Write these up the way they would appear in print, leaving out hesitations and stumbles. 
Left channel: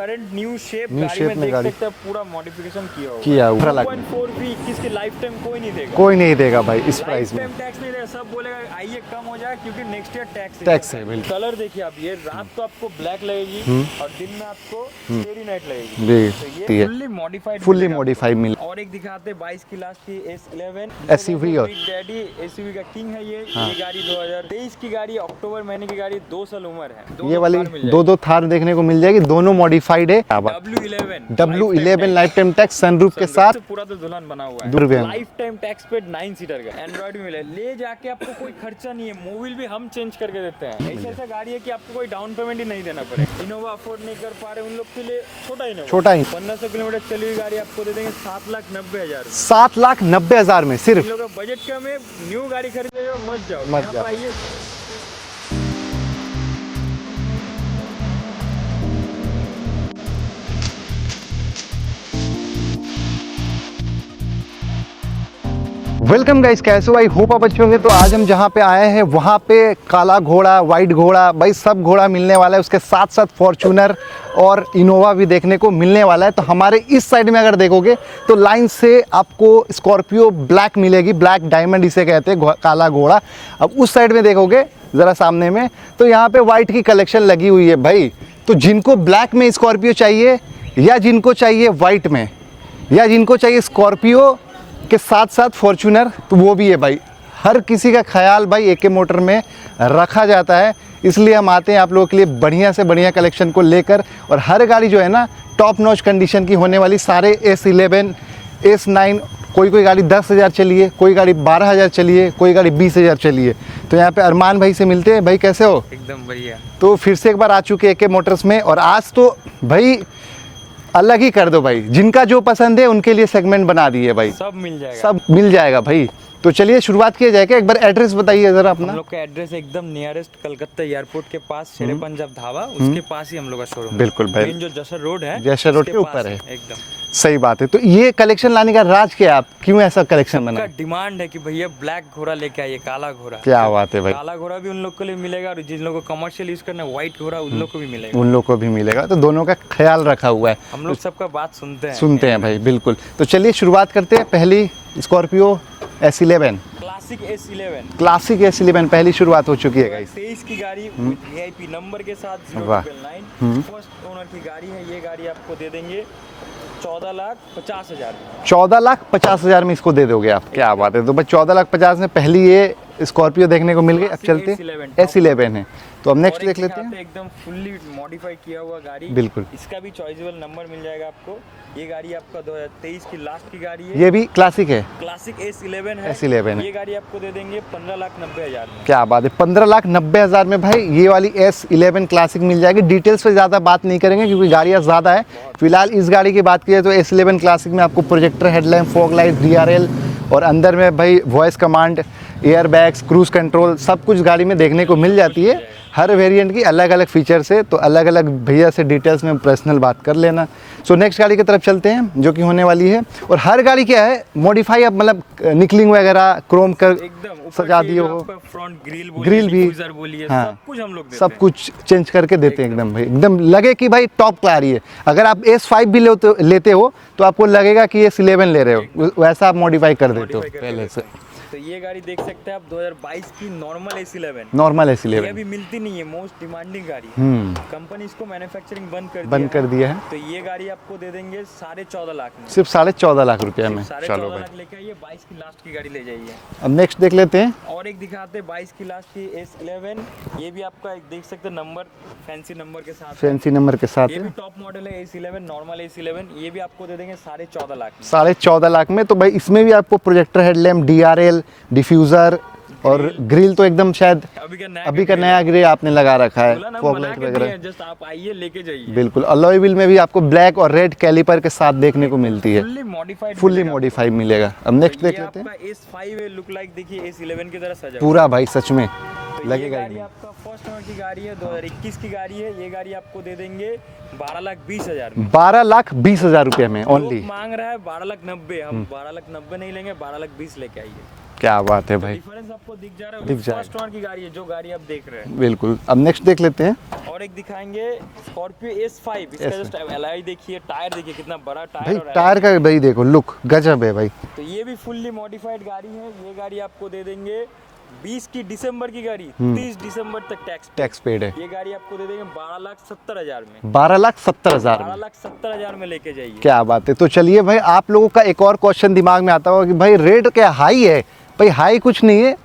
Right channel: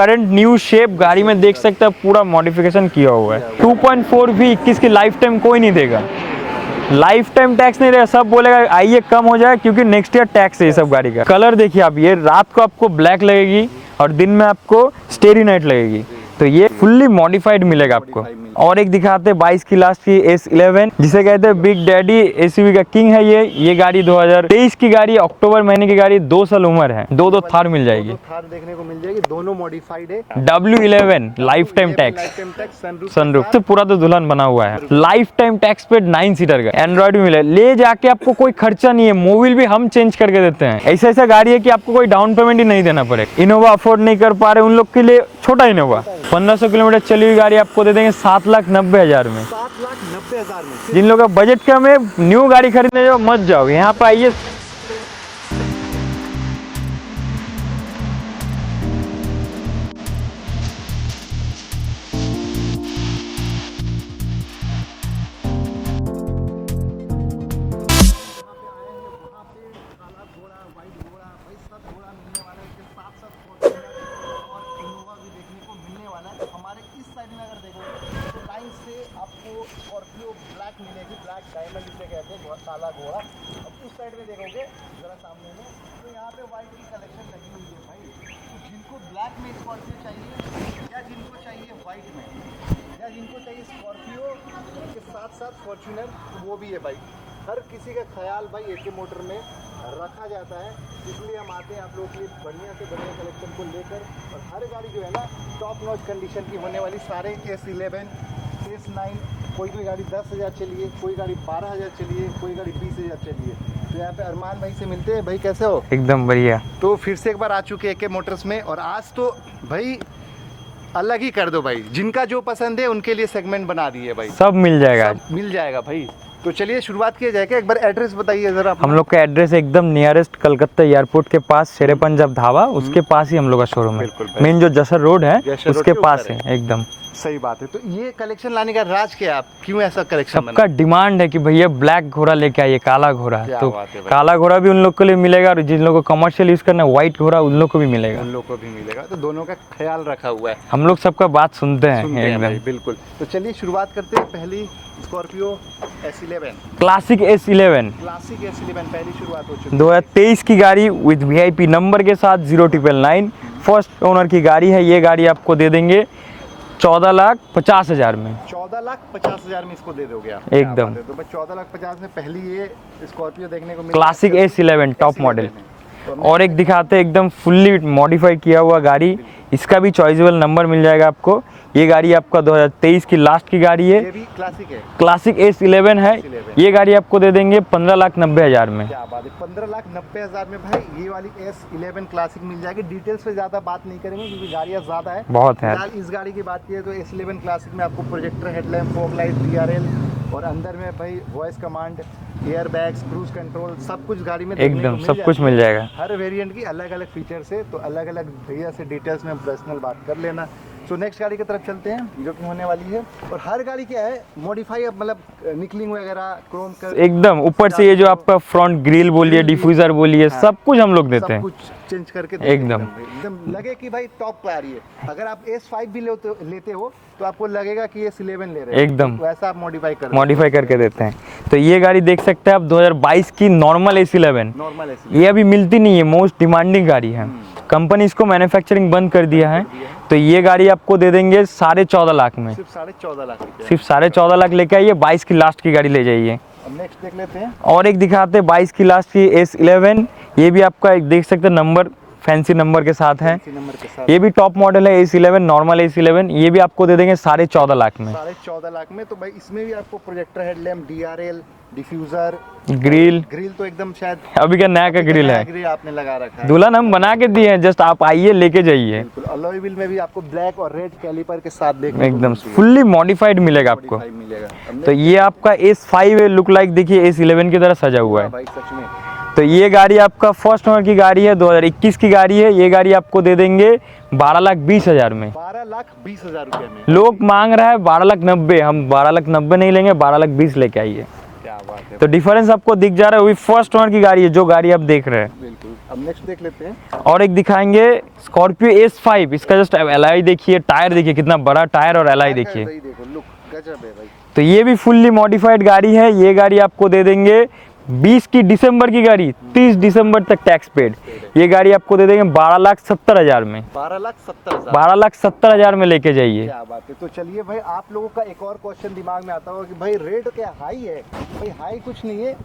Current new shape गाड़ी में देख सकते हैं, पूरा मॉडिफिकेशन किया हुआ है। 2.4 भी 21 की लाइफ टाइम कोई नहीं देगा, कोई नहीं देगा भाई, लाइफ टाइम टैक्स नहीं देगा। सब बोलेगा आइए कम हो जाए, क्योंकि नेक्स्ट ईयर टैक्स है ये सब गाड़ी का। कलर देखिए आप, ये रात को आपको ब्लैक लगेगी और दिन में आपको स्टेरी नाइट लगेगी, तो ये फुल्ली मॉडिफाइड मिलेगा आपको। और एक दिखाते 22 की लास्ट की S11, जिसे कहते हैं बिग डैडी, एसयूवी का किंग है ये गाड़ी 2023 की गाड़ी, अक्टूबर महीने की गाड़ी, 2 साल उम्र है। दो थार मिल जाएगी, दो थार देखने को मिल जाएगी, दोनों मॉडिफाइड है। W11 life time tax sunroof के साथ, तो पूरा तो दुल्हन बना हुआ है। लाइफ टाइम टैक्स पे 9 सीटर का एंड्रॉइड भी मिले, ले जाके आपको कोई खर्चा नहीं है। मोबिल भी हम चेंज करके देते हैं। ऐसा गाड़ी है कि आपको कोई डाउन पेमेंट ही नहीं देना पड़ेगा। इनोवा अफोर्ड नहीं कर पा रहे उन लोग के लिए छोटा इनोवा, 1500 किलोमीटर चली हुई गाड़ी आपको दे देंगे 7,90,000 में। 7,90,000 में। जिन लोगों का बजट कम है, न्यू गाड़ी खरीदने जाओ मत जाओ, यहाँ पे आइए। वेलकम गाइस, कैसे हो? आई होप आप अच्छे होंगे। तो आज हम जहाँ पे आए हैं वहाँ पे काला घोड़ा, वाइट घोड़ा, भाई सब घोड़ा मिलने वाला है। उसके साथ साथ फॉर्च्यूनर और इनोवा भी देखने को मिलने वाला है। तो हमारे इस साइड में अगर देखोगे तो लाइन से आपको स्कॉर्पियो ब्लैक मिलेगी, ब्लैक डायमंड इसे कहते हैं, काला घोड़ा। अब उस साइड में देखोगे ज़रा सामने में, तो यहाँ पे वाइट की कलेक्शन लगी हुई है भाई। तो जिनको ब्लैक में स्कॉर्पियो चाहिए, या जिनको चाहिए वाइट में, या जिनको चाहिए स्कॉर्पियो के साथ साथ फॉर्च्यूनर, तो वो भी है भाई। हर किसी का ख्याल भाई एके मोटर में रखा जाता है, इसलिए हम आते हैं आप लोगों के लिए बढ़िया से बढ़िया कलेक्शन को लेकर। और हर गाड़ी जो है ना टॉप नॉच कंडीशन की होने वाली। सारे S11, S9, कोई गाड़ी 10,000 चली है, कोई गाड़ी 12,000 चली है, कोई गाड़ी 20,000 चली है। तो यहाँ पे अरमान भाई से मिलते हैं। भाई कैसे हो? एकदम बढ़िया। तो फिर से एक बार आ चुके एके मोटर्स में, और आज तो भाई अलग ही कर दो भाई। जिनका जो पसंद है उनके लिए सेगमेंट बना दिए भाई, सब मिल जाएगा, सब मिल जाएगा भाई। तो चलिए शुरुआत किया जाए। एक बार एड्रेस बताइए जरा अपना। हम लोग का एड्रेस एकदम नियरेस्ट कलकत्ता एयरपोर्ट के पास, शेरे पंजाब ढाबा, उसके पास ही हम लोग का शोरूम है। बिल्कुल, मेन जो जसर रोड है उसके पास है एकदम। सही बात है। तो ये कलेक्शन लाने का राज क्या है? आप क्यों ऐसा कलेक्शन सबका डिमांड है कि भैया ब्लैक घोड़ा लेके आइए, काला घोड़ा। क्या बात है भाई। काला घोड़ा भी उन लोग के लिए मिलेगा, और जिन लोगों को कमर्शियल यूज करना है व्हाइट घोड़ा, उन लोग को भी मिलेगा। उन लोग को भी मिलेगा। तो दोनों का ख्याल रखा हुआ है, हम लोग सबका बात सुनते हैं भाई। बिल्कुल। तो चलिए शुरुआत करते हैं। पहली Scorpio S11, classic S11, classic S11 पहली शुरुआत हो चुकी है। 2023 की गाड़ी विद VIP नंबर के साथ 0999, फर्स्ट ओनर की गाड़ी है। ये गाड़ी आपको दे देंगे 14,50,000 में। 14,50,000 में इसको दे दोगे आप? क्या बात है। तो भाई 14,50,000 में पहली ये स्कॉर्पियो देखने को मिली। क्लासिक S11 टॉप मॉडल है। तो और एक दिखाते हैं एकदम फुल्ली मॉडिफाइड किया हुआ गाड़ी। बिल्कुल। इसका भी चॉइसेबल नंबर मिल जाएगा आपको। ये गाड़ी आपका 2023 की लास्ट की गाड़ी है। ये भी क्लासिक है, क्लासिक S11 है। S11 ये गाड़ी आपको दे देंगे 15,90,000 में। क्या बात है। 15,90,000 में भाई ये वाली S11 क्लासिक मिल जाएगी। डिटेल्स पे ज्यादा बात नहीं करेंगे क्योंकि गाड़ियां ज्यादा है बहुत। फिलहाल इस गाड़ी की बात की तो S11 क्लासिक में आपको projector headlamp, fog light, DRL, और अंदर में भाई voice command, air bags, cruise control, सब कुछ गाड़ी में देखने को मिल जाती है। हर वेरिएंट की अलग अलग फीचर्स है। तो अलग अलग भैया से डिटेल्स में पर्सनल बात कर लेना। सो नेक्स्ट गाड़ी की तरफ चलते हैं जो कि होने वाली है। और हर गाड़ी क्या है मॉडिफाई, अब मतलब निकलिंग वगैरह, क्रोम कर एकदम ऊपर से ये जो आपका फ्रंट ग्रिल बोलिए, डिफ्यूजर बोलिए, सब कुछ हम लोग देते हैं। सब कुछ चेंज करके देते हैं एकदम भाई, एकदम लगे कि भाई टॉप आ रही है। अगर आप S5 भी लेते हो तो आपको लगेगा कि S11 ले रहे हो, एकदम वैसा आप मॉडिफाई करके देते हैं। तो ये गाड़ी देख सकते हैं आप 2022 की नॉर्मल S11। ये अभी मिलती नहीं है, मोस्ट डिमांडिंग गाड़ी है। कंपनी इसको मैन्युफैक्चरिंग बंद कर दिया है। तो ये गाड़ी आपको दे देंगे 14.5 लाख में। सिर्फ 14.5 लाख रुपए, सिर्फ 14.5 लाख लेके आइए। 22 की लास्ट की गाड़ी ले जाइए। अब नेक्स्ट देख लेते हैं। और एक दिखाते हैं 22 की लास्ट की S11। ये भी आपका एक देख सकते हैं नंबर, फैंसी नंबर के साथ है। फैंसी नंबर के साथ। ये भी टॉप मॉडल है S11, नॉर्मल S11। ये भी आपको दे देंगे 14.5 लाख में। 14.5 लाख में। तो भाई इसमें भी आपको projector headlamp, DRL, diffuser, grill तो एकदम शायद अभी का नया ग्रिल आपने लगा रखा है। दुल्हन हम बना के दिए हैं, जस्ट आप आइए लेके जाइए। बिल्कुल। अलॉय व्हील में भी आपको ब्लैक और रेड कैलिपर के साथ देखने को मिलती है। फुल्ली मॉडिफाइड मिलेगा। तो ये आपका S5 है, लुक लाइक देखिए S11 की तरह सजा हुआ है भाई सच में। तो ये गाड़ी आपका फर्स्ट ओनर की गाड़ी है, 2021 की गाड़ी है। ये गाड़ी आपको दे देंगे 12,20,000 में। 12,20,000 रुपए में। लोग मांग रहा है 12,90,000, हम 12,90,000 नहीं लेंगे, 12,20,000 लेके आइए। क्या बात है तो भाई। डिफरेंस आपको दिख जा रहा है, वही फर्स्ट ओनर की गाड़ी है जो गाड़ी आप देख रहे हैं। बिल्कुल। अब नेक्स्ट देख लेते हैं। और एक दिखाएंगे स्कॉर्पियो S5, इसका जस्ट एलॉय देखिए, टायर देखिए कितना बड़ा टायर और एलॉय टायर का देखिए। भाई देखो लुक गजब है भाई। तो ये भी फुल्ली मॉडिफाइड गाड़ी है। ये गाड़ी आपको दे देंगे 20 की दिसंबर की गाड़ी, 30 दिसंबर तक टैक्स पेड है। ये गाड़ी आपको दे देंगे 12,70,000 में। 12,70,000। 12,70,000 में लेके जाइए। क्या बात है। तो चलिए भाई, आप लोगों का एक और क्वेश्चन दिमाग में आता होगा कि भाई रेट क्या हाई है? भाई हाई कुछ नहीं है,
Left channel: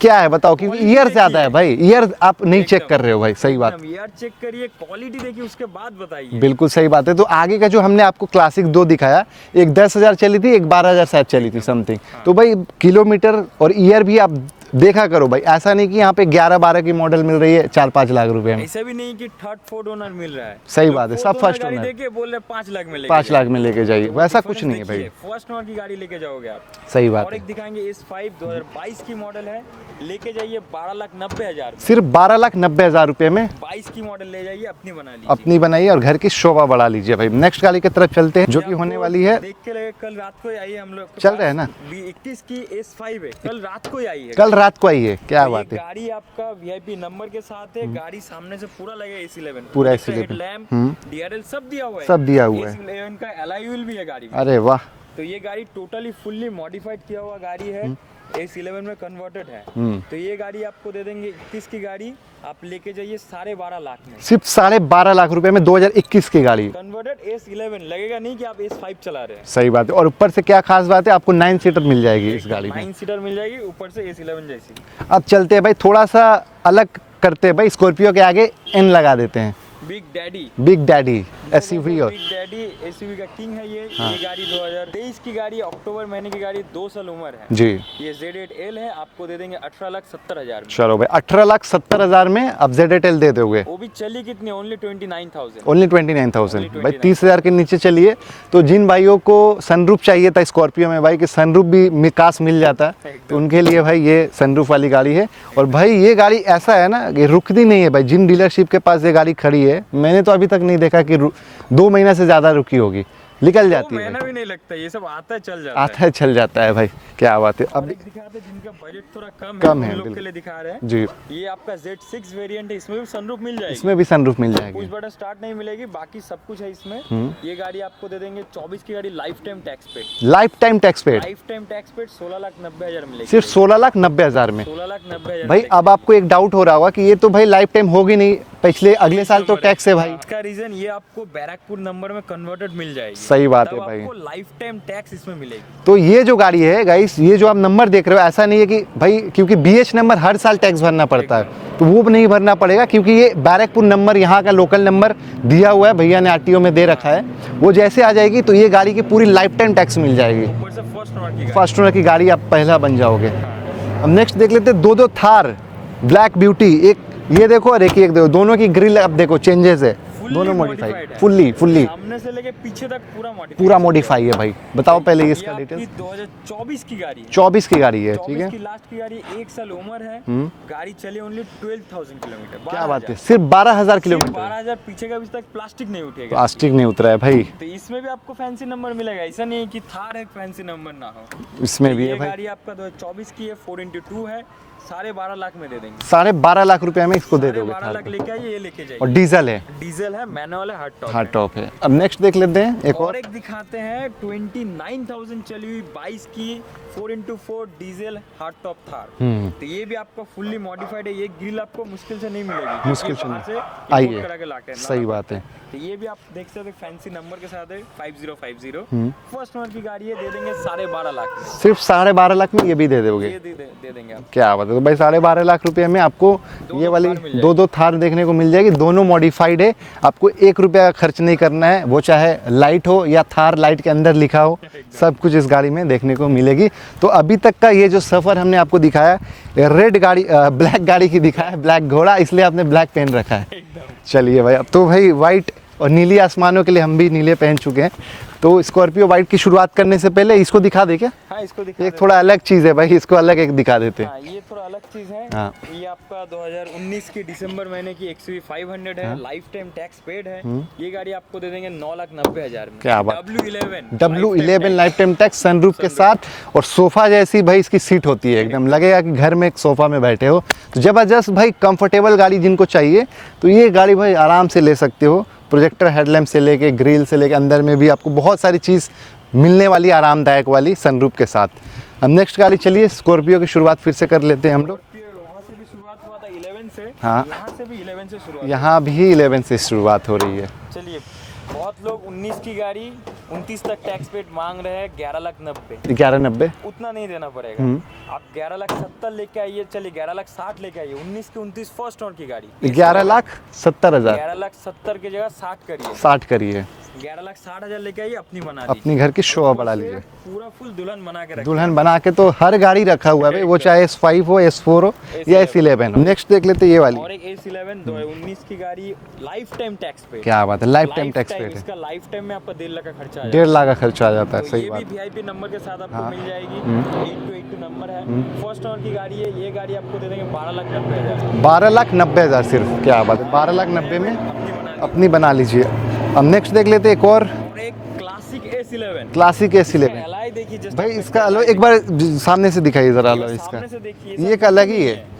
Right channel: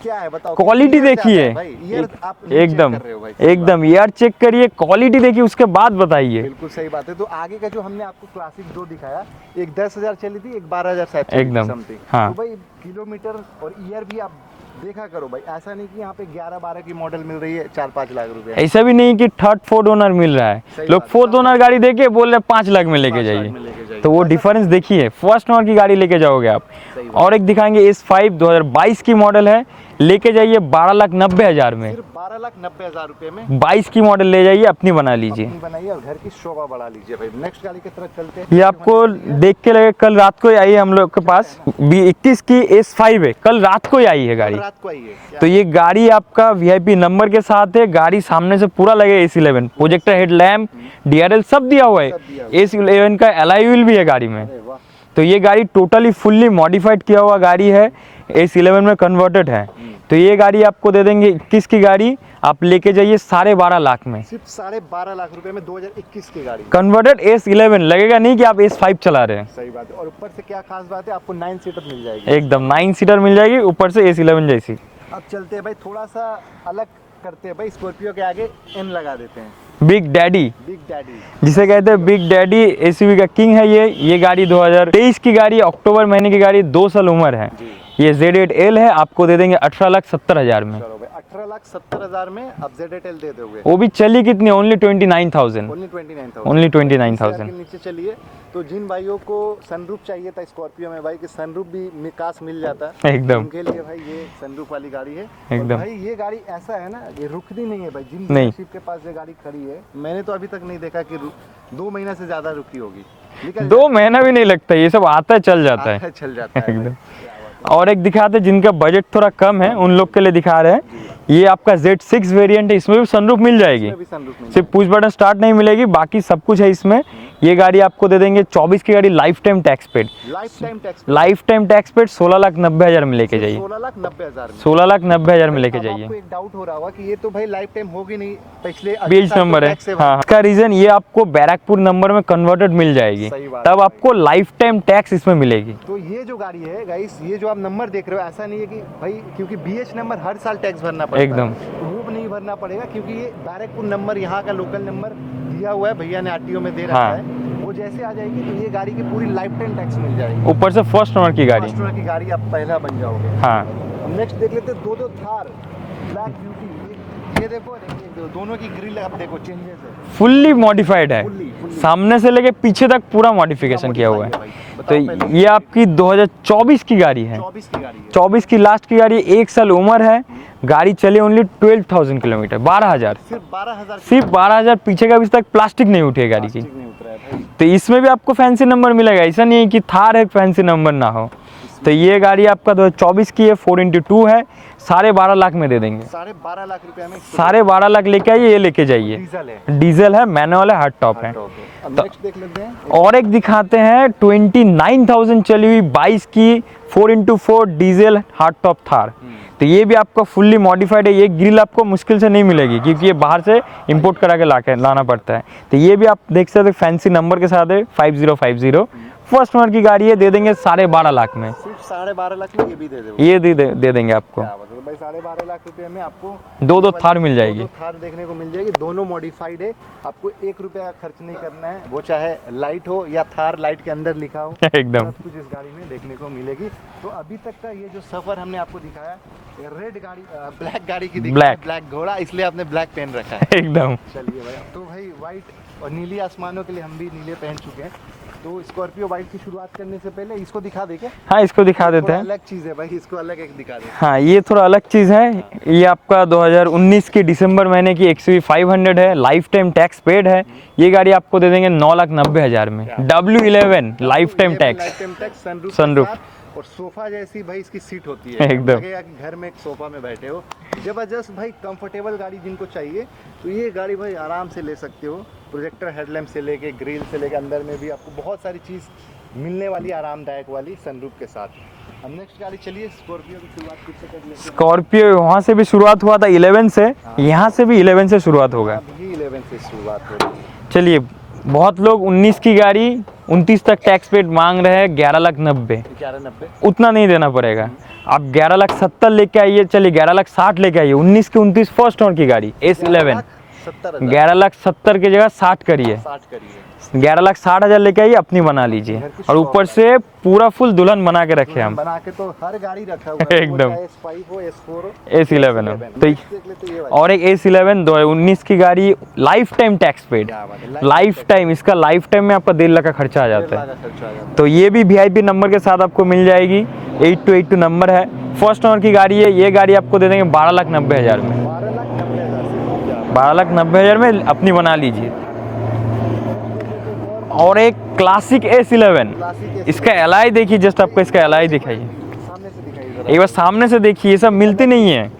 क्या है बताओ? क्वालिटी ईयर देखिए है भाई, ईयर आप नहीं चेक कर रहे हो भाई। सही बात। एकदम ईयर चेक करिए, क्वालिटी देखिए, उसके बाद बताइए। बिल्कुल सही बात है। तो आगे का जो हमने आपको क्लासिक 2 दिखाया, एक 10,000 चली थी, एक 12,000 शायद चली थी एकदम। समथिंग। हाँ। तो भाई किलोमीटर और ईयर भी आप देखा करो भाई, ऐसा नहीं कि यहाँ पे 11-12 की मॉडल मिल रही है 4-5 लाख रुपए में। ऐसा भी नहीं कि थर्ड फोर्थ ओनर मिल रहा है। सही लोग बात है, फोर्थ सब ओनर first गाड़ी owner। देके बोल रहे 5 लाख में लेके 5 लाख जाइए। में लेके जाइए, तो वो वैसा कुछ डिफरेंस नहीं है देखिए, फर्स्ट ओनर की गाड़ी लेके जाओगे आप। सही बात और एक दिखाएंगे S5 2022 की मॉडल है, लेके जाइए 12,90,000 में। सिर्फ 12,90,000 रुपए में 22 की मॉडल ले जाइए, अपनी बना लीजिए। अपनी बनाइए और घर की शोभा बढ़ा लीजिए भाई। नेक्स्ट गाड़ी की तरफ चलते हैं, ये जो कि होने आपको वाली है। देख के लगे कल रात को ही आई है हम लोग के चल पास। रहा है ना? 21 की S5 है, कल रात को ही आई है कल गाड़ी। रात को आई है। क्या तो ये बात है। गाड़ी आपका VIP नंबर के साथ है। गाड़ी सामने से पूरा लगे S11, प्रोजेक्टर हेडलैम्प, DRL सब दिया हुआ है। सब दिया हुआ है। S11 का एलॉय व्हील भी है गाड़ी में। अरे वाह। तो ये गाड़ी टोटली फुल्ली मॉडिफाइड किया हुआ गाड़ी है, S11 में कन्वर्टेड है। तो ये गाड़ी आपको दे देंगे 21 की गाड़ी, आप लेके जाइए 12.5 लाख में। सिर्फ 12.5 लाख रुपए में 2021 की गाड़ी। कन्वर्टेड S11, लगेगा नहीं कि आप S5 चला रहे हैं। सही बात है। और ऊपर से क्या खास बात है, आपको 9 सीटर मिल जाएगी इस एकदम गाड़ी में। 9 सीटर मिल जाएगी, ऊपर से S11 जैसी। अब चलते हैं भाई, थोड़ा सा अलग करते हैं भाई, स्कॉर्पियो के आगे N लगा देते हैं। बिग डैडी, बिग डैडी जिसे कहते हैं बिग डैडी, SUV का किंग है ये गाड़ी 2023 की गाड़ी, अक्टूबर महीने की गाड़ी, 2 साल उम्र है जी। ये Z8L है, आपको दे देंगे 18,70,000 में। चलो भाई, 18,70,000 में आप ZL दे दोगे। वो भी चली कितनी, ओनली 29,000। ओनली 29,000। Only 29,000। 30,000 के नीचे चलिए। तो जिन भाइयों को सनरूफ चाहिए था स्कॉर्पियो में भाई, कि सनरूफ भी मिकास मिल जाता है, एकदम। उनके लिए भाई ये सनरूफ वाली गाड़ी है। और एकदम। भाई ये गाड़ी ऐसा है ना, ये रुकती नहीं है भाई। जिन डीलरशिप के पास ये गाड़ी खड़ी है, मैंने तो अभी तक नहीं देखा कि 2 महीना से ज्यादा रुकी होगी। निकल 2 जाती है। महीना भी नहीं लगता, ये सब आता है चल जाता आता है। है चल जाता है भाई। क्या बात है। और एक दिखाते हैं जिनका बजट थोड़ा कम है, कम है, उन लोग के लिए दिखा रहे जी। हैं। ये आपका Z6 वेरिएंट है, इसमें भी सनरूफ मिल जाएगी। इसमें भी सनरूफ मिल सिर्फ जाएगी। पुश बटन स्टार्ट नहीं मिलेगी, बाकी सब कुछ है इसमें। ये गाड़ी आपको दे देंगे 24 की गाड़ी, life time tax paid. Life time tax पे लाइफ टाइम टैक्स पेड 16,90,000 में लेके सिर्फ जाइए। 16,90,000 में। 16,90,000 में भाई लेके अब जाइए। आपको एक डाउट हो रहा होगा कि ये तो भाई लाइफ टाइम होगी नहीं, पिछले अगले बीस साल तो नंबर है। टैक्स है भाई। हाँ, इसका रीजन ये आपको बैरकपुर नंबर में कन्वर्टेड मिल जाएगी। सही बात है तब भाई। आपको लाइफ टाइम टैक्स इसमें मिलेगी। तो ये जो गाड़ी है गाइस, ये जो आप नंबर देख रहे हो, ऐसा नहीं है कि भाई, क्योंकि BH नंबर हर साल टैक्स भरना पड़ता है, तो वो नहीं भरना पड़ेगा, क्योंकि ये बैरकपुर नंबर यहाँ का लोकल नंबर दिया हुआ है, भैया ने RTO में दे रखा हाँ। है। वो जैसे आ जाएगी तो ये गाड़ी की पूरी लाइफ टाइम टैक्स मिल जाएगी। ऊपर से फर्स्ट ओनर की गाड़ी। फर्स्ट ओनर की गाड़ी आप पहला बन जाओगे। हाँ, अब नेक्स्ट देख लेते हैं 2 थार ब्लैक ब्यूटी। एक ये देखो और एक ये देखो, दोनों की ग्रिल आप देखो, चेंजेस है, फुल्ली मॉडिफाइड है। फुल्ली सामने से लेके पीछे तक पूरा मॉडिफिकेशन पूरा मॉडिफाई है भाई। बताओ पहले ये आपकी 2024 की गाड़ी है। 24 की गाड़ी है। 24 की लास्ट की गाड़ी, 1 साल उम्र है। गाड़ी चली ओनली 12,000 किलोमीटर, 12,000। सिर्फ 12,000 सिर्फ किलोमीटर। 12,000। पीछे का अभी तक प्लास्टिक नहीं उठेगा। प्लास्टिक नहीं उतरा है भाई। तो इसमें भी आपको फैंसी नंबर मिलेगा, ऐसा नहीं है कि थार है फैंसी नंबर ना हो। इसमें तो भी ये है भाई। गाड़ी आपका 2024 की है, 4x2 है, 12.5 लाख में दे देंगे। 12.5 लाख रुपए में इसको 12.5 लाख लेके आइए, ये लेके और जाइए। डीजल है। डीजल है, मैनुअल है, हार्ड टॉप हार्ड है। टॉप है। अब नेक्स्ट देख लेते हैं और एक दिखाते हैं 29,000 चली हुई 22 की 4x4 diesel hard top Thar. तो ये भी आपका फुल्ली मॉडिफाइड है। ये ग्रिल आपको मुश्किल से नहीं मिलेगी, क्योंकि ये बाहर से इंपोर्ट करा के लाना पड़ता है। तो ये भी आप देख सकते हैं, फैंसी नंबर के साथ है, 5050। फर्स्ट ओनर की गाड़ी है, दे देंगे 12.5 लाख में। सिर्फ 12.5 लाख में ये भी दे दोगे? ये दे देंगे आप। क्या बात है। तो भाई 12.5 लाख रुपए में आपको दो थार मिल जाएगी। 2 थार देखने को मिल जाएगी। दोनों मॉडिफाइड है। आपको 1 रुपया खर्च नहीं करना है, वो चाहे लाइट हो या थार लाइट के अंदर लिखा हो, एकदम। सब कुछ इस गाड़ी में देखने को मिलेगी। तो अभी तक का ये जो सफर हमने आपको दिखाया, रेड गाड़ी, ब्लैक गाड़ी की दिखाया, ब्लैक घोड़ा, इसलिए आपने ब्लैक पेन रखा है। एकदम। चलिए भाई, अब तो भाई व्हाइट और नीली आसमानों के लिए हम भी नीले पहन चुके हैं। तो स्कॉर्पियो वाइट की शुरुआत करने से पहले इसको दिखा दे क्या? हाँ, इसको दिखा ये देते थोड़ा हैं। अलग चीज़ है भाई, इसको अलग एक दिखा देते हैं। हाँ, ये थोड़ा अलग चीज़ है। हाँ। ये आपका 2019 के दिसंबर महीने की XUV 500 है, लाइफ टाइम टैक्स पेड है। ये गाड़ी आपको दे देंगे 9,90,000 में। क्या बात। W11 life time tax. Life time tax, sunroof के Sunroof। साथ, और सोफा जैसी भाई इसकी सीट होती है, एकदम एकदम। लगेगा कि घर में एक सोफा में बैठे हो। जबरदस्त भाई, कंफर्टेबल गाड़ी जिनको चाहिए तो ये गाड़ी भाई आराम से ले सकते हो। प्रोजेक्टर हेडलैम्प से लेके ग्रिल से लेके अंदर में भी आपको बहुत सारी चीज़ मिलने वाली, आरामदायक वाली सनरूफ के साथ। हम नेक्स्ट गाड़ी, चलिए स्कॉर्पियो की शुरुआत फिर से कर लेते हैं हम। स्कॉर्पियो वहाँ से भी शुरुआत हुआ था 11 से। हाँ। यहाँ से भी 11 से शुरुआत होगा। यहाँ भी 11 से शुरुआत हो रही है। चलिए, बहुत लोग 19 की गाड़ी 29 तक टैक्स पेड मांग रहे हैं 11,90,000। 1190। उतना नहीं देना पड़ेगा। आप 11,70,000 लेके आइए, चलिए 11,60,000 लेके आइए। 19 की 29 फर्स्ट ओनर की गाड़ी S11। 11,70,000। 11,70,000 की जगह 60 करिए। 60 करिए। 11,60,000 लेके आइए, अपनी बना लीजिए। घर की और शो ऊपर बढ़ा से लीजिए। पूरा फुल दुल्हन बना के रखे दुल्हन हम। बना के तो हर गाड़ी रखा हुआ है, वो एकदम। चाहे S5 हो, S4 हो, S11 S11 हो। नेक्स्ट देख लेते हैं ये वाली। और एक S11 2019 की गाड़ी, लाइफ टाइम टैक्स पेड। क्या बात है, लाइफ टाइम। इसका लाइफ टाइम में आपका 1.5 लाख का खर्चा आ 1.5 जाता है। लाख का खर्चा आ जाता है। तो सही ये बात। भी VIP नंबर के साथ आपको मिल जाएगी। 8282 नंबर है, फर्स्ट ओनर की गाड़ी है। ये गाड़ी आपको दे देंगे 12,90,000 में। 12,90,000 सिर्फ। क्या बात है, 12,90,000 में अपनी बना लीजिए। अपनी बना लीजिए। अब नेक्स्ट देख लेते हैं एक और एक क्लासिक S11। क्लासिक इसका S11। एलाई देखिए, जस्ट आपको इसका एलाई एक बार दिखाइए। सामने से दिखाइए जरा। एक बार सामने से देखिए, ये सब ये मिलती अलग ही नहीं है। है,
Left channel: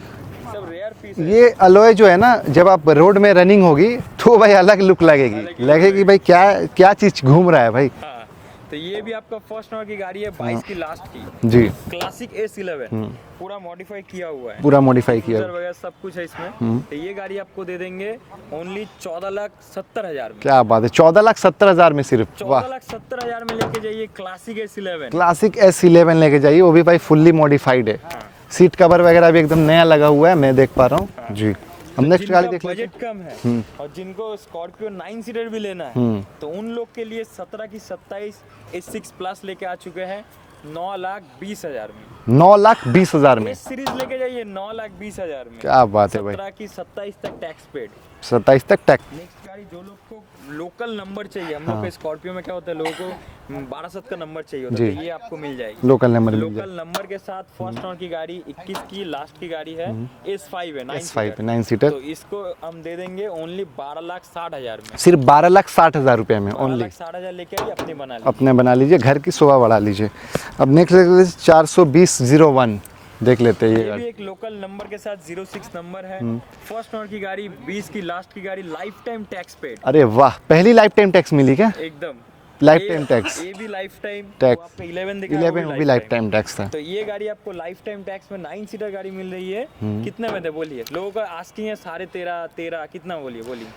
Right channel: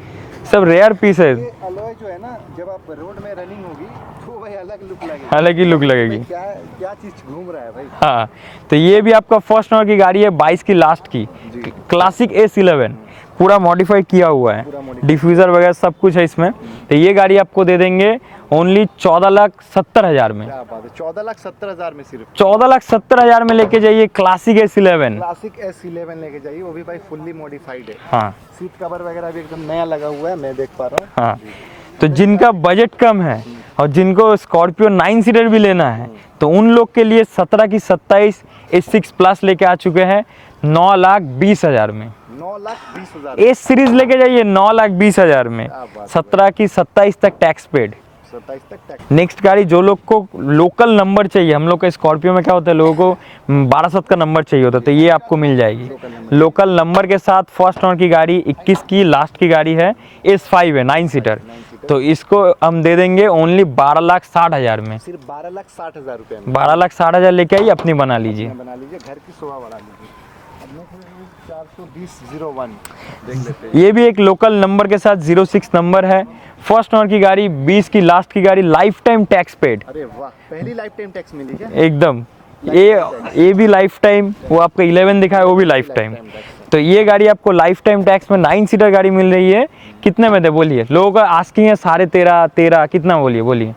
सब रेयर पीस है। ये अलॉय जो है ना, जब आप रोड में रनिंग होगी तो भाई अलग लुक लगेगी। अलग ही look लगेगी। भाई क्या क्या चीज घूम रहा है भाई। हाँ, तो ये भी आपका फर्स्ट ओनर की गाड़ी है, 22 की लास्ट की जी। Classic S11। पूरा मॉडिफाइड किया हुआ है, पूरा modified डिफ्यूजर वगैरह सब कुछ है इसमें। तो ये गाड़ी आपको दे देंगे ओनली 14,70,000 में। क्या बात है, 14,70,000 में सिर्फ। 14,70,000 में लेके जाइए क्लासिक S11। क्लासिक S11 लेके जाइए, वो भी भाई फुल्ली मॉडिफाइड है। हाँ, सीट कवर वगैरह भी एकदम नया लगा हुआ है, मैं देख पा रहा हूँ। हाँ। जी। तो जिनका बजट कम है और जिनको स्कॉर्पियो 9 सीटर भी लेना है, तो उन लोग के लिए 17 की 27 S6 प्लस लेके आ चुके हैं 9,20,000 में। 9,20,000 में। एस सीरीज लेके जाइए 9,20,000 में। क्या बात है भाई। 17 की 27 तक टैक्स पेड। 27 तक टैक्स। नेक्स्ट गाड़ी, जो लोग को लोकल नंबर चाहिए, हम लोग का स्कॉर्पियो में क्या होता है, लोगों को 1200 का नंबर चाहिए होता है, तो ये आपको मिल जाएगी लोकल नंबर। लोकल नंबर के साथ। फर्स्ट ओनर की गाड़ी 21 की लास्ट की गाड़ी है, S5 है, 9 सीटर। 9 सीटर। तो इसको हम दे देंगे ओनली 12,60,000 में। सिर्फ 12,60,000 रुपए में। 12,60,000 लेके आइए, अपनी बना लीजिए। अपने बना लीजिए, घर की शोभा बढ़ा लीजिए। अब नेक्स्ट 420/01 देख लेते हैं। ये भी एक लोकल नंबर के साथ 06 नंबर है, फर्स्ट ओनर की गाड़ी, 20 की लास्ट की गाड़ी, लाइफ टाइम टैक्स पेड। अरे वाह, पहली लाइफ टाइम टैक्स मिली क्या? एकदम Lifetime tax। ये भी लाइफ टाइम। Tax। वो आपका 11 दिखा है, वो भी लाइफ टाइम टाइम। टैक्स था। तो ये गाड़ी आपको लाइफ टाइम टैक्स में 9 सीटर गाड़ी मिल रही है। कितने में दे बोलिए? लोगों का आस्किंग है 13.5 कितना, बोलिए बोलिए।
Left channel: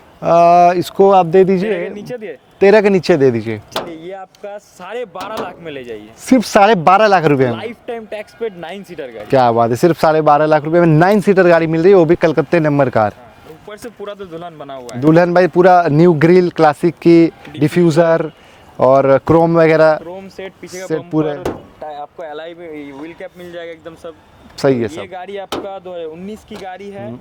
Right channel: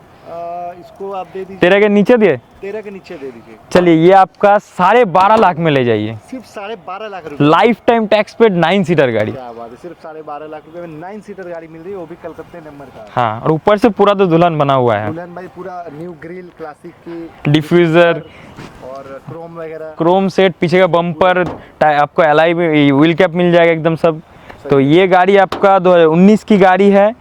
इसको आप दे दीजिए 13 के नीचे दिए? 13 के नीचे दे दीजिए। चलिए, ये आपका 12.5 लाख में ले जाइए। सिर्फ 12.5 लाख रुपए में। Life time tax paid 9 seater गाड़ी। क्या बात है, सिर्फ 12.5 लाख रुपए में 9 सीटर गाड़ी मिल रही है, वो भी कलकत्ते नंबर कार। हाँ, और ऊपर से पूरा तो दुल्हन बना हुआ है। दुल्हन भाई पूरा न्यू ग्रिल, क्लासिक की डिफ्यूजर और क्रोम वगैरह। क्रोम सेट, पीछे का सेट बम्पर, आपको एलआई में व्हील कैप मिल जाएगा एकदम सब। सही तो है, ये गाड़ी आपका 2019 की गाड़ी है।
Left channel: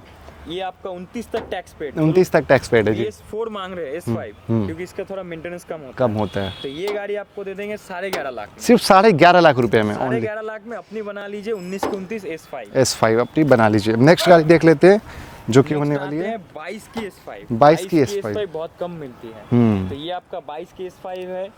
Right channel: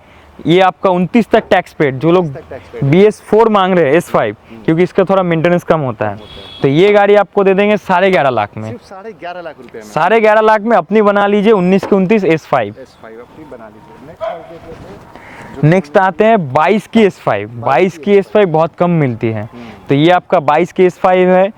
ये आपका 29 तक टैक्स पेड। जो लोग 29 तक टैक्स पेड है। BS4 मांग रहे हैं, S5, क्योंकि इसका थोड़ा मेंटेनेंस कम होता है। तो ये गाड़ी आपको दे देंगे 11.5 लाख में। सिर्फ 11.5 लाख रुपए में। 11.5 लाख में अपनी बना लीजिए 19 की 29 S5। S5 अपनी बना लीजिए। नेक्स्ट गाड़ी देख लेते हैं, जो नेक्स्ट आते हैं 22 की S5। 22 की S5 बहुत कम मिलती है। तो ये आपका 22 की S5 है,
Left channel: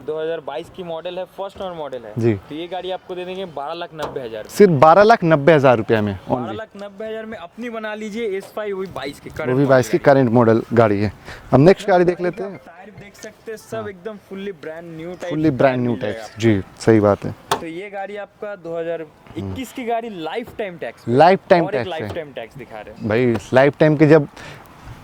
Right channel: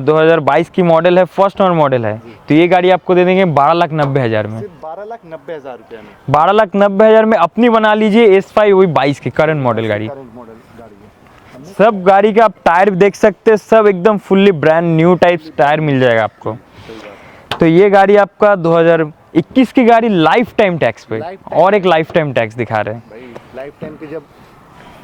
2022 की मॉडल है, फर्स्ट ओनर मॉडल है। जी। तो ये गाड़ी आपको दे देंगे 12,90,000 में। सिर्फ 12,90,000 रुपए में। 12,90,000 में अपनी बना लीजिए S5, वही 22 की करंट मॉडल गाड़ी। करंट मॉडल गाड़ी है। हम नेक्स्ट सब गाड़ी का आप टायर देख सकते हैं, सब एकदम fully brand new type tyre मिल जाएगा आपको। जी, सही बात है। तो ये गाड़ी आपका 2021 की गाड़ी, लाइफ टाइम टैक्स पे। Lifetime और एक tax लाइफ टाइम टैक्स दिखा रहे हैं भाई, लाइफ टाइम की जब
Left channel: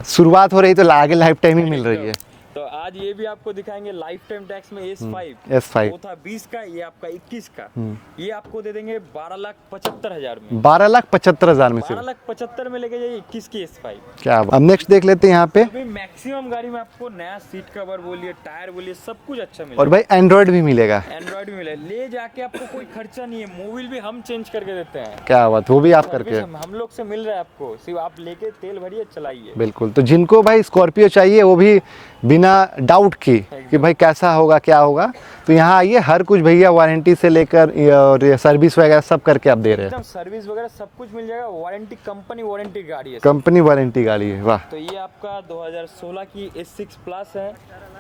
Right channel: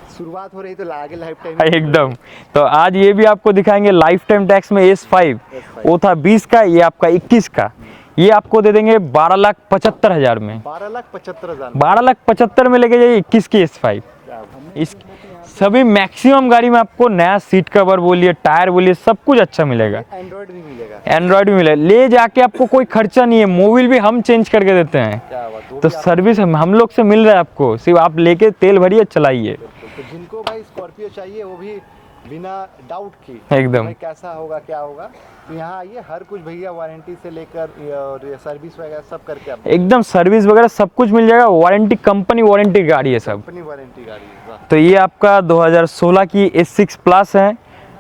शुरुआत हो रही तो आगे लाइफ टाइम ही मिल रही एकदम। है। तो आज ये भी आपको दिखाएंगे लाइफ टाइम टैक्स में S5। S5 वो था 20 का, ये आपका 21 का। ये आपको दे देंगे 12,75,000 में। 12,75,000 में। 12,75,000 में लेके जाइए 21 की S5। क्या अब नेक्स्ट देख लेते हैं यहाँ पे। सभी मैक्सिमम गाड़ी में आपको नया सीट कवर बोलिए, टायर बोलिए, सब कुछ अच्छा और मिलेगा। भाई एंड्रॉइड भी मिलेगा। एंड्रॉइड भी मिलेगा, ले जाके आपको कोई खर्चा नहीं है। मोबिल भी हम चेंज करके देते हैं। क्या बात, वो तो भी आप सर्विस करते हैं। हम लोग से मिल रहा है आपको, सिर्फ आप लेके तेल भरिए, चलाइए। बिल्कुल। तो जिनको भाई स्कॉर्पियो चाहिए वो भी बिना डाउट की एकदम। कि भाई कैसा होगा क्या होगा। तो यहाँ आइए, हर कुछ भैया वारंटी से लेकर और सर्विस वगैरह सब करके आप दे रहे हैं। एकदम सर्विस वगैरह सब कुछ मिल जाएगा, वारंटी कंपनी वारंटी गाड़ी है सब। कंपनी वारंटी गाड़ी है, वाह। तो ये आपका 2016 की S6 प्लस है,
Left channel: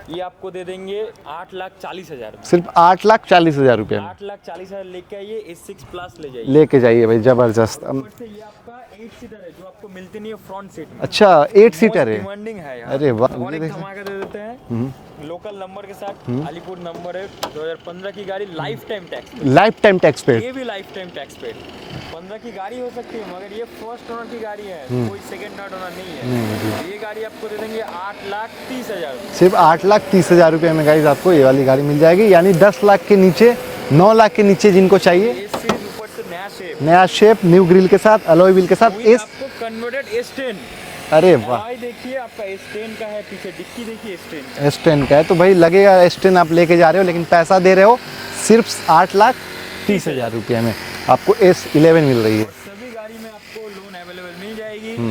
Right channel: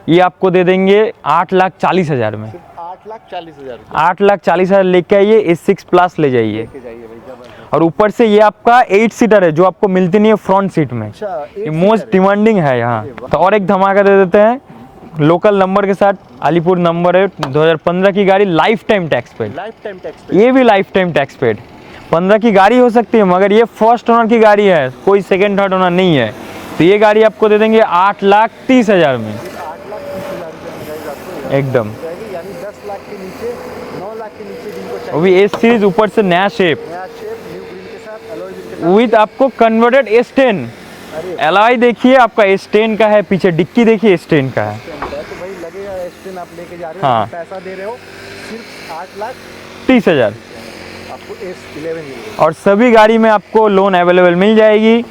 ये आपको दे देंगे 8,40,000 में। सिर्फ 8,40,000 रुपये 8,40,000 लेके आइए, S6 प्लस ले जाइए। लेके जाइए भाई, जबरदस्त। और ऊपर से ये आपका 8 सीटर है जो आपको मिलती नहीं है फ्रंट सीट में। अच्छा, 8 सीटर मोस्ट है। डिमांडिंग है यहाँ। अरे वाह। तो और एक धमाका दे देते हैं लोकल नंबर के साथ, अलीपुर नंबर है, 2015 की गाड़ी, लाइफ टाइम टैक्स पे। लाइफ टाइम टैक्स पे। ये भी लाइफ टाइम टैक्स पेड। 15 की गाड़ी हो सकती है मगर ये फर्स्ट ओनर की गाड़ी है, कोई सेकंड थर्ड ओनर नहीं है। तो ये गाड़ी आपको दे देंगे 8,30,000 में। सिर्फ 8,30,000 रुपये में गाइस आपको ये वाली गाड़ी एकदम। मिल जाएगी। यानी 10 लाख के नीचे, 9 लाख के नीचे जिनको वो चाहिए, भी एस सीरीज, ऊपर से नया शेप नया शेप, न्यू ग्रिल के साथ, अलॉय व्हील के साथ, विद इस- आपको कन्वर्टेड S10। अरे वाह। एलॉय देखिए आपका S10 का है, पीछे डिक्की देखिए S10 का है। S10 का है तो भाई लगेगा S10 आप लेके जा रहे हो, हाँ। लेकिन पैसा दे रहे हो सिर्फ 8,30,000 रुपये में आपको S11 मिल रही है। और सभी गाड़ी में आपको लोन अवेलेबल मिल जाएगी।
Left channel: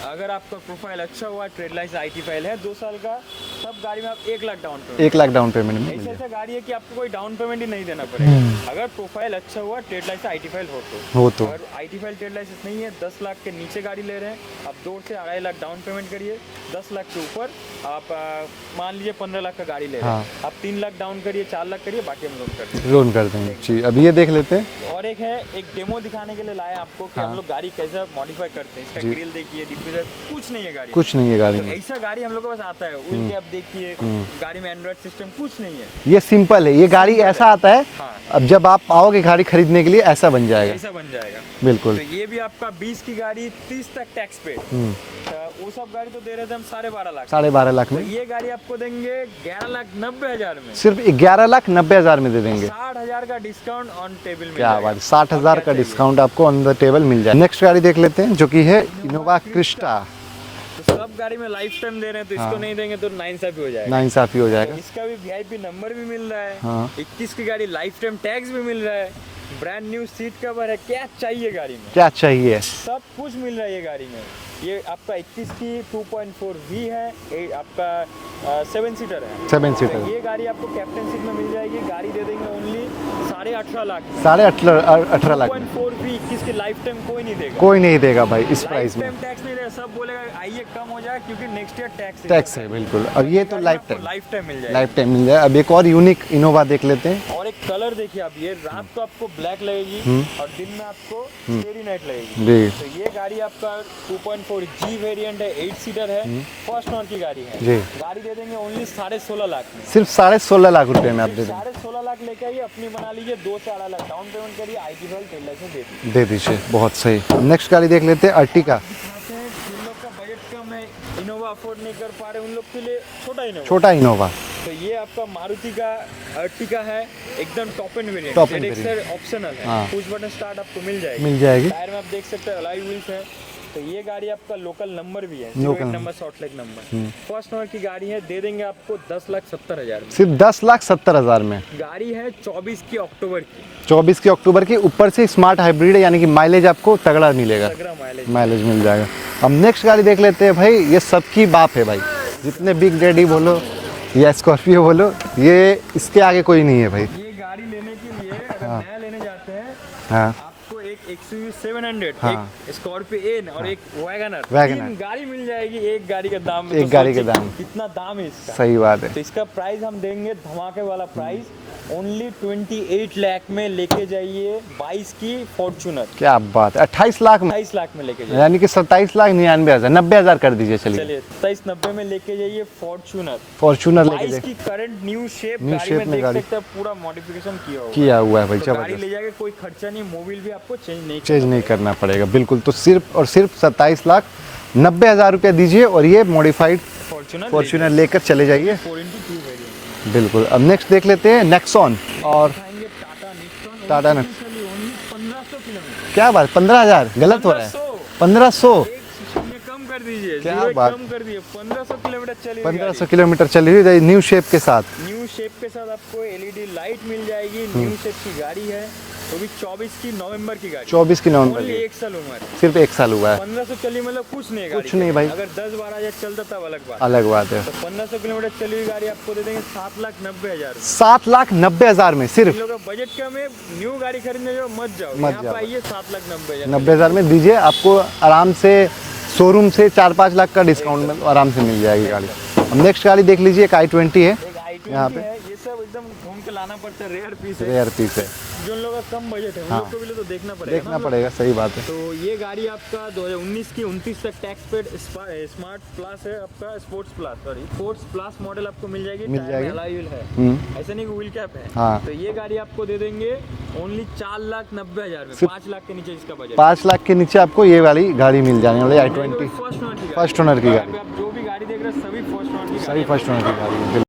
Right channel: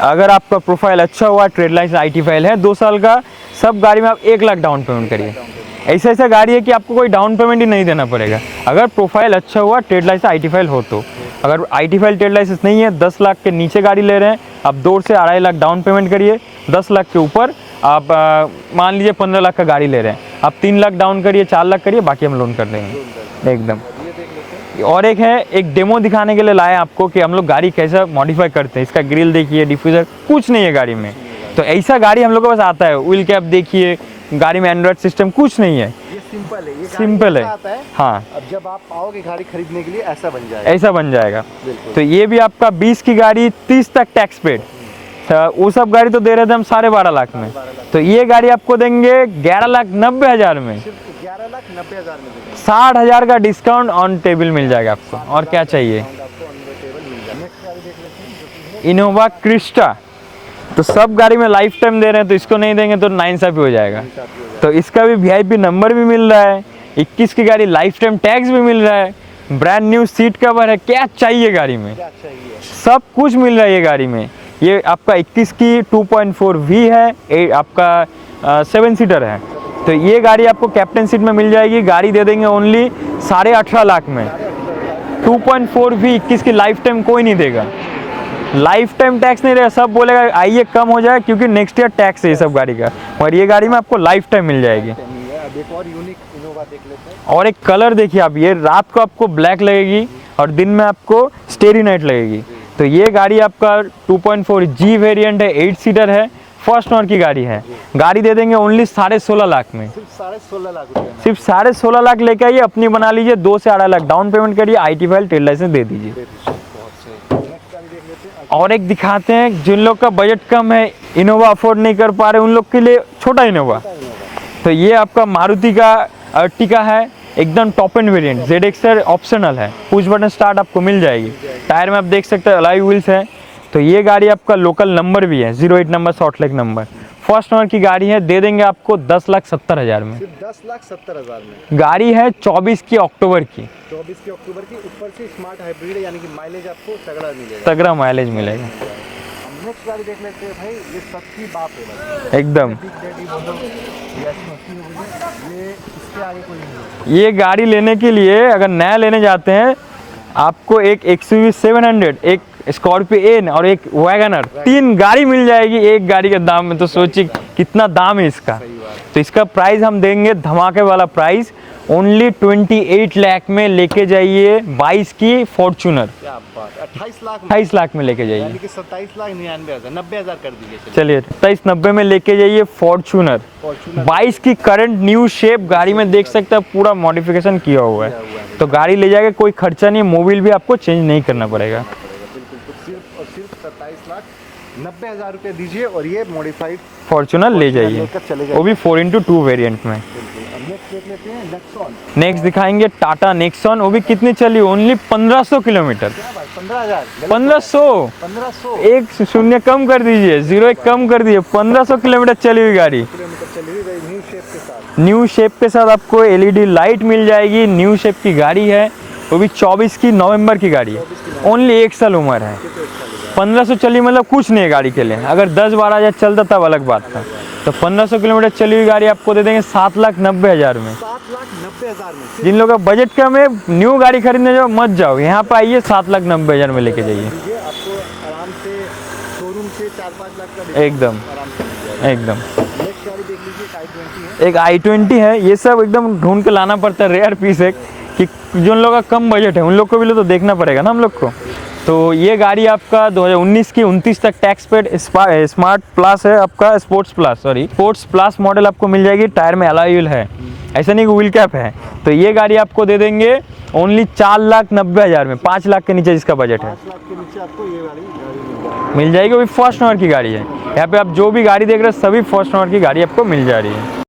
अगर आपका प्रोफाइल अच्छा हुआ, ट्रेड लाइसेंस IT फाइल है 2 साल का, सब गाड़ी में आप 1 लाख डाउन पेमेंट 1 लाख करिए। Down payment. ऐसा ऐसा गाड़ी है कि आपको कोई डाउन पेमेंट ही नहीं देना पड़ेगा अगर प्रोफाइल अच्छा हुआ, ट्रेड लाइसेंस IT फाइल हो तो। अगर IT फाइल ट्रेड लाइसेंस नहीं है, 10 लाख के नीचे गाड़ी ले रहे हैं, आप 2 से 2.5 लाख डाउन पेमेंट करिए। 10 लाख के ऊपर आप मान लीजिए 15 लाख का गाड़ी ले रहे हैं, आप 3 लाख डाउन करिए, 4 लाख करिए, बाकी हम लोन कर देंगे। लोन कर देंगे एकदम। जी, अब ये देख लेते हैं। और एक है, एक डेमो दिखाने के लिए लाए आपको कि हम लोग गाड़ी कैसा मॉडिफाई करते हैं। इसका ग्रिल देखिए, डिफ्यूजर, कुछ नहीं है गाड़ी में। कुछ नहीं है गाड़ी तो में। ऐसा गाड़ी हम लोग के पास आता है। व्हील कैप देखिए, गाड़ी में एंड्रॉइड सिस्टम कुछ नहीं है, ये सिंपल है, ये गाड़ी सिंपल ऐसा है। आता है। हाँ, अब जब आप आओगे गाड़ी खरीदने के लिए ऐसा बन जाएगा। ऐसा बन जाएगा। बिल्कुल। तो ये भी आपका 20 की गाड़ी, 30 तक टैक्स पेड। वो सब गाड़ी तो दे रहे थे हम 12.5 लाख में। 12.5 लाख तो ये गाड़ी आपको देंगे 11,90,000 में। सिर्फ 11,90,000 में दे देंगे। 60,000 का डिस्काउंट ऑन टेबल मिल जाएगा आपको। 60,000 और क्या का चाहिए। डिस्काउंट आपको ऑन द टेबल मिल जाएगा। नेक्स्ट गाड़ी देख लेते हैं जो कि है इनोवा क्रिस्टा। तो सब गाड़ी में लाइफ टाइम दे रहे हैं, तो इसको नहीं देंगे तो नाइंसाफी हो जाएगा। नाइंसाफी हो जाएगा। तो इसका भी VIP नंबर भी मिल रहा है। 21 की गाड़ी, लाइफ टाइम टैक्स भी मिल रहा है, ब्रांड न्यू सीट कवर है। क्या चाहिए गाड़ी में, क्या चाहिए? सब कुछ मिल रहा है ये गाड़ी में। ये आपका 21 की 2.4V है, आपका 7 सीटर है। 7 तो सीटर। ये गाड़ी आपको कैप्टन सीट में मिल जाएगी। गाड़ी दे देंगे ओनली 18.5 लाख में। 18.5 लाख। 2.4V 21 की लाइफ टाइम कोई नहीं देगा। कोई नहीं देगा भाई। इस लाइफ प्राइस टाइम टैक्स नहीं रहेगा, सब बोलेगा आइए कम हो जाए क्योंकि नेक्स्ट ईयर टैक्स है ये टैक्स सब गाड़ी है, का। बिल्कुल। और अब ये ये गाड़ी में लाइफ आपको लाइफ टाइम मिल में जाएगी। लाइफ टाइम मिल जाए। अब एक और यूनिक इनोवा देख लेते हैं। और एक कलर देखिए आप, ये रात को आपको ब्लैक लगेगी और दिन में आपको स्टेरी नाइट लगेगी। जी। तो ये गाड़ी आपका 2.4G वेरिएंट है, 8 सीटर है, फर्स्ट ओनर की गाड़ी है। जी। गाड़ी दे देंगे ओनली 16.5 लाख में। सिर्फ 16.5 लाख रुपए में आप सिर्फ 16.5 लाख लेके आइए, अपनी बना लीजिए, 2 से 2.5 लाख डाउन पेमेंट करिए, IT फाइल ट्रेड लाइसेंस दे दीजिए। दे दीजिए। बहुत सही। नेक्स्ट गाड़ी देख लेते हैं, और अर्टिगा। एक दिखाते हैं, जिन लोग का बजट कम है, इनोवा अफोर्ड नहीं कर पा रहे, उन लोग के लिए छोटा इनोवा। छोटा इनोवा। तो ये आपका मारुति का अर्टिगा है, एकदम top end variant. Top end ZX optional है, पुश बटन स्टार्ट आपको मिल जाएगी। टायर में आप देख सकते हैं अलॉय व्हील्स है। तो ये गाड़ी आपका लोकल नंबर भी है, 08 number, short leg number. First owner की गाड़ी है, दे देंगे आपको 10,70,000 में। सिर्फ 10,70,000 में। गाड़ी है 24 की अक्टूबर की, 24 की अक्टूबर की, ऊपर से स्मार्ट हाइब्रिड है, यानी कि माइलेज आपको तगड़ा मिलेगा। तगड़ा माइलेज माइलेज मिल जाएगा। अब नेक्स्ट गाड़ी देख लेते हैं भाई, ये सबकी बाप है भाई। एकदम। बिग डैडी बोलो या स्कॉर्पियो बोलो, ये इसके आगे कोई नहीं है भाई। ये गाड़ी लेने के लिए अगर नया लेने जाते हैं, हाँ। आपको एक XUV 700, एक स्कॉर्पियो एन और एक वैगनर, वैगनर। 3 गाड़ी मिल जाएगी एक गाड़ी के दाम में। तो एक गाड़ी के सोचिए दाम। कितना दाम है इसका। सही बात है। तो इसका प्राइस हम देंगे धमाके वाला प्राइस, ओनली 28 लाख में लेके जाइए। 22 की फॉर्च्यूनर क्या बात है, 28 लाख में, 28 लाख में लेके जाइए। यानी कि 27,99,000, 90,000 कर दीजिए। चलिए 2790 में लेके जाइए फॉर्च्यूनर। फॉर्च्यूनर 22 की करंट न्यू शेप गाड़ी में शेप देख में सकते हैं, पूरा मॉडिफिकेशन किया हुआ किया हुआ है भाई। तो गाड़ी ले जाके कोई खर्चा नहीं, मोबिल भी आपको चेंज नहीं करना पड़ेगा। करना पड़ेगा, बिल्कुल। तो सिर्फ और सिर्फ 27,90,000 रुपये दीजिए और ये मॉडिफाइड फॉर्च्यूनर ले जाइए, लेकर चले वो भी जाइए। 4x2 वेरिएंट में। बिल्कुल। अब नेक्स्ट देख लेते हैं नेक्सॉन। नेक्स्ट दिखाएंगे टाटा नेक्सॉन, वो भी टाटा कितनी चली, ओनली 1500 किलोमीटर। क्या बात, 15,000 गलत हो रहा है। 1500, 1500 एक शून्य कम कर दीजिए, 0 बात कम कर दीजिए, 1500 किलोमीटर चली हुई गाड़ी। 1500 किलोमीटर चली हुई, न्यू शेप के साथ। न्यू शेप के साथ आपको LED लाइट मिल जाएगी, न्यू शेप की गाड़ी है। वो भी 24 की नवंबर की गाड़ी, 24 की नवंबर। ओनली 1 साल उम्र है, सिर्फ 1 साल हुआ है। 1500 चली मतलब कुछ नहीं है गाड़ी के नहीं लिए। भाई। अगर 10-12 हज़ार चलता तब अलग बात, अलग बात है। तो 1500 किलोमीटर चली हुई गाड़ी आपको दे देंगे 7,90,000 में। 7,90,000 में सिर्फ। जिन लोगों का बजट कम है, न्यू गाड़ी खरीदने जाओ मत जाओ, यहाँ पे आइए 7,90,000 में लेके 90,000 में जाइए। दीजिए, आपको आराम से शोरूम से 4-5 लाख का डिस्काउंट एकदम। आराम से मिल जाएगा। एकदम। नेक्स्ट गाड़ी देख लीजिए, एक i20 है। एक i20 है, ये सब एकदम ढूंढ के लाना पड़ता है, रेयर पीस है, Rare piece कि जो उन लोगों का कम बजट है उन लोग को भी तो देखना पड़ेगा ना हम लोग को। सही बात है। तो ये गाड़ी आपका 2019 की 29 तक टैक्स पेड स्मार्ट प्लस है आपका, स्पोर्ट्स प्लस मॉडल आपको मिल जाएगी। टायर में अलॉय व्हील है, ऐसा नहीं कि व्हील कैप है। हाँ। तो ये गाड़ी आपको दे देंगे ओनली 4,90,000 में, 5 लाख के नीचे इसका बजट है। 5 लाख के नीचे आपको ये वाली गाड़ी मिल जाने वाली है। मिल जाएगी, वो भी फर्स्ट ओनर की गाड़ी First owner की है। गाड़ी। यहाँ पे आप जो भी गाड़ी देख रहे हो सभी फर्स्ट ओनर की गाड़ी आपको मिल जा रही है।